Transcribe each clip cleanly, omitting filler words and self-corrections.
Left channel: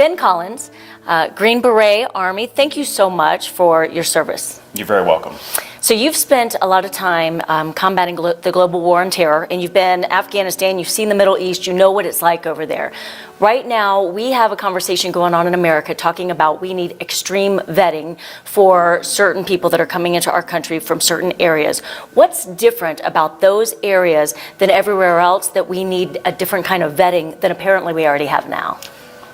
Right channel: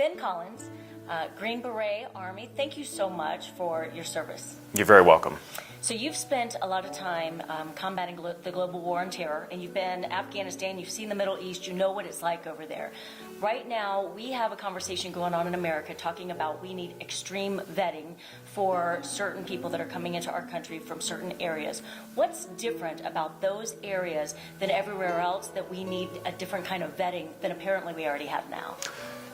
Ben Collins, Green Beret Army, thank you so much for your service. You're very welcome. So you've spent a lot of time combating the global war on terror, and you've been in Afghanistan, you've seen the Middle East, you know what it's like over there. Right now, we have a conversation going on in America talking about we need extreme vetting for certain people that are coming into our country from certain areas. What's different about those areas than everywhere else that we need a different kind of vetting than apparently we already have now?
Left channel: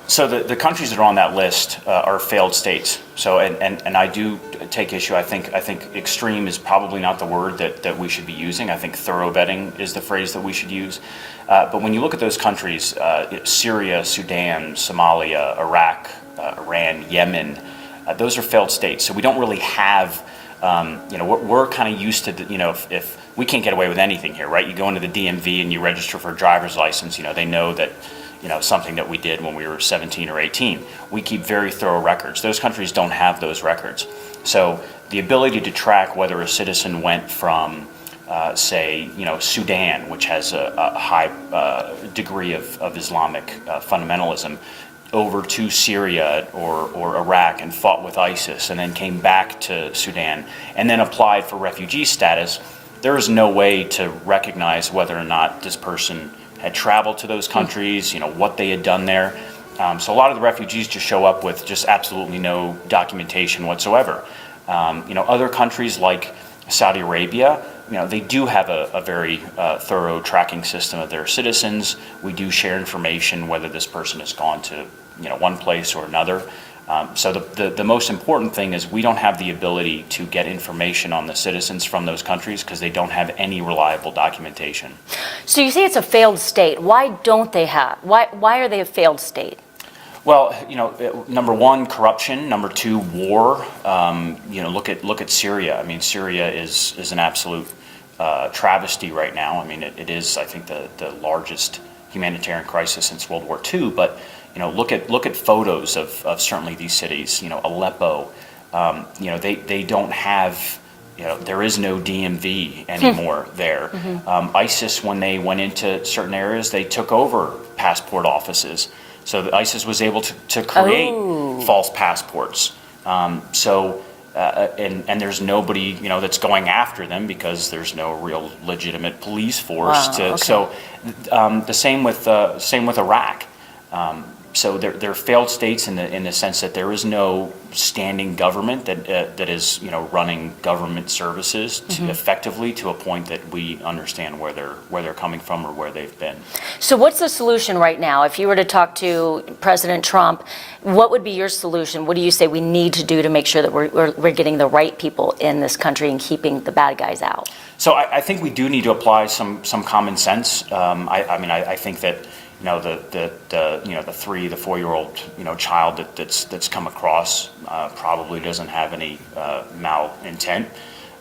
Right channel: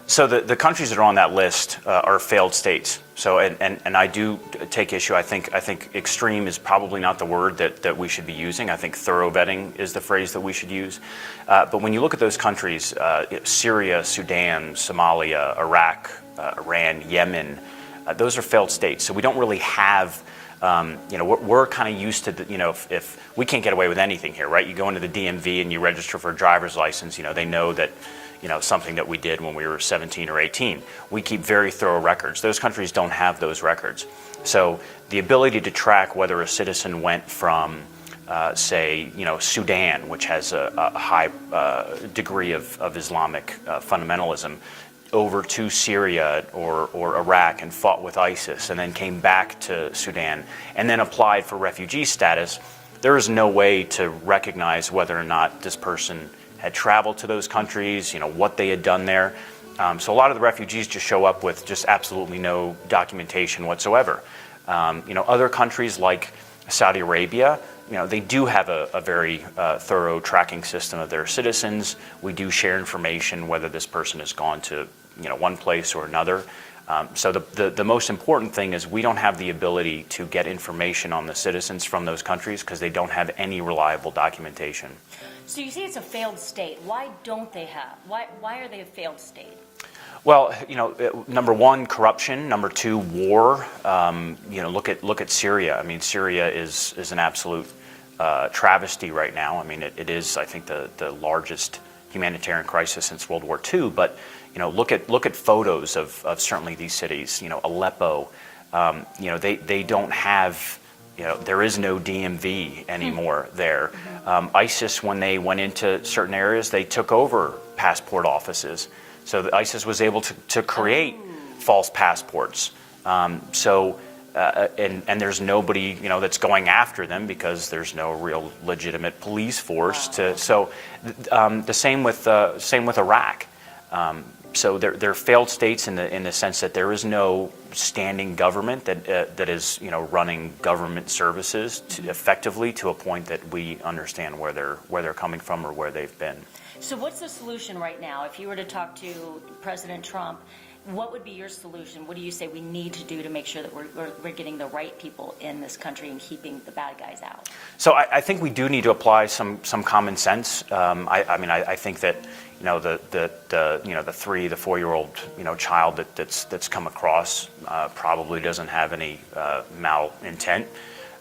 So the countries that are on that list are failed states. So and I do take issue. I think extreme is probably not the word that we should be using. I think thorough vetting is the phrase that we should use. But when you look at those countries, Syria, Sudan, Somalia, Iraq, Iran, Yemen, those are failed states. So we don't really have, we're kind of used to, if we can't get away with anything here, right? You go into the DMV and you register for a driver's license, they know that, something that we did when we were 17 or 18. We keep very thorough records. Those countries don't have those records. So the ability to track whether a citizen went from, say, Sudan, which has a high degree of Islamic fundamentalism, over to Syria or Iraq and fought with ISIS and then came back to Sudan and then applied for refugee status, there is no way to recognize whether or not this person had traveled to those countries, what they had done there. So a lot of the refugees just show up with just absolutely no documentation whatsoever. Other countries like Saudi Arabia, they do have a very thorough tracking system of their citizens. We do share information whether this person has gone to one place or another. So the most important thing is we don't have the ability to get information on the citizens from those countries because they don't have any reliable documentation. So you say it's a failed state. Why don't they have? Why are they a failed state? Well, number one, corruption. Number two, war. Look at Syria. I mean, Syria is an absolute travesty right now. I mean, it is, I think, the largest humanitarian crisis since World War II. But look at photos of certainly these cities. Aleppo. They don't have. There is no DMV anymore there. Mm-hmm. ISIS, when they went into certain areas, they took over passport offices. So ISIS was able to create false passports. And there's nobody that's going after them because there's no real legitimate police force. Wow, okay. So the same with Iraq. So they're failed states in the sense that there is no standing government that is running government services effectively to a point that we understand where they're coming from or where they've been. So what's the solution right now? If you were to talk to President Trump, what would be your solution? What do you say we need to do to make sure that we're getting the right people in this country and keeping the bad guys out? So I think we do need to apply some common sense. I think that. The 3, the 4-year-old child that's come across probably doesn't have any malintent.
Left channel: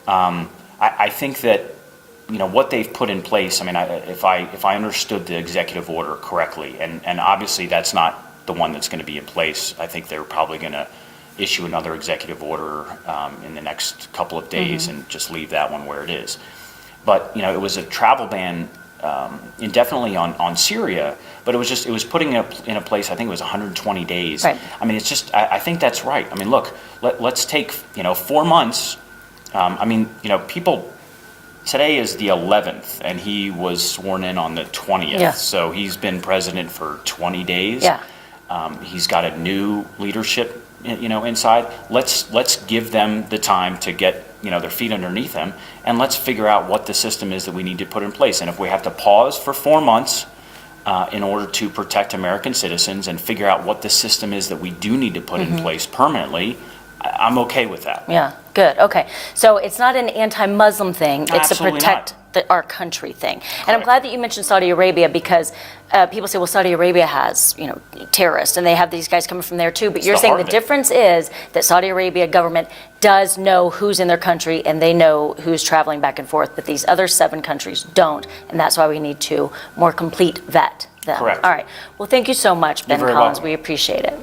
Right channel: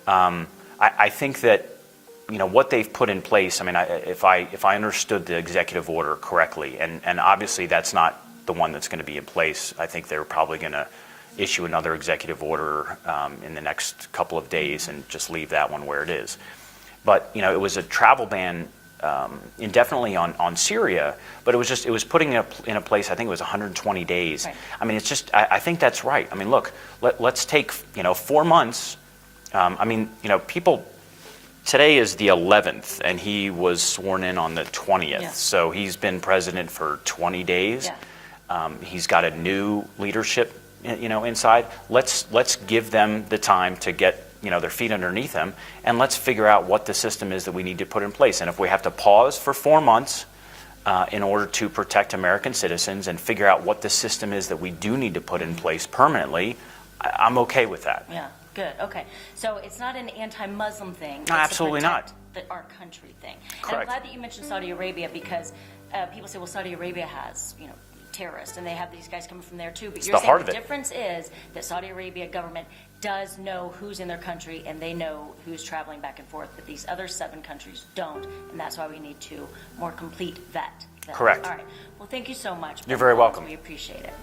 I think that what they've put in place. I mean, if I understood the executive order correctly, and obviously that's not the one that's going to be in place. I think they're probably going to issue another executive order in the next couple of days and just leave that one where it is. But it was a travel ban. Indefinitely on Syria, but it was putting it in a place. I think it was 120 days. Right. I mean, it's just. I think that's right. I mean, look, let's take 4 months. People. Today is the 11th, and he was sworn in on the 20th. Yeah. So he's been president for 20 days. Yeah. He's got a new leadership, inside. Let's give them the time to get their feet underneath them, and let's figure out what the system is that we need to put in place. And if we have to pause for 4 months in order to protect American citizens and figure out what the system is that we do need to put in place permanently, I'm okay with that. Yeah, good. Okay. So it's not an anti-Muslim thing. It's Absolutely a protect our country thing. And I'm glad that you mentioned Saudi Arabia because people say, well, Saudi Arabia has, terrorists, and they have these guys coming from there too. But you're saying the difference is that Saudi Arabia government does know who's in their country and they know who's traveling back and forth, but these other 7 countries don't, and that's why we need to more complete vet them. Correct. All right. Well, thank you so much, Ben Collins. Welcome. We appreciate it.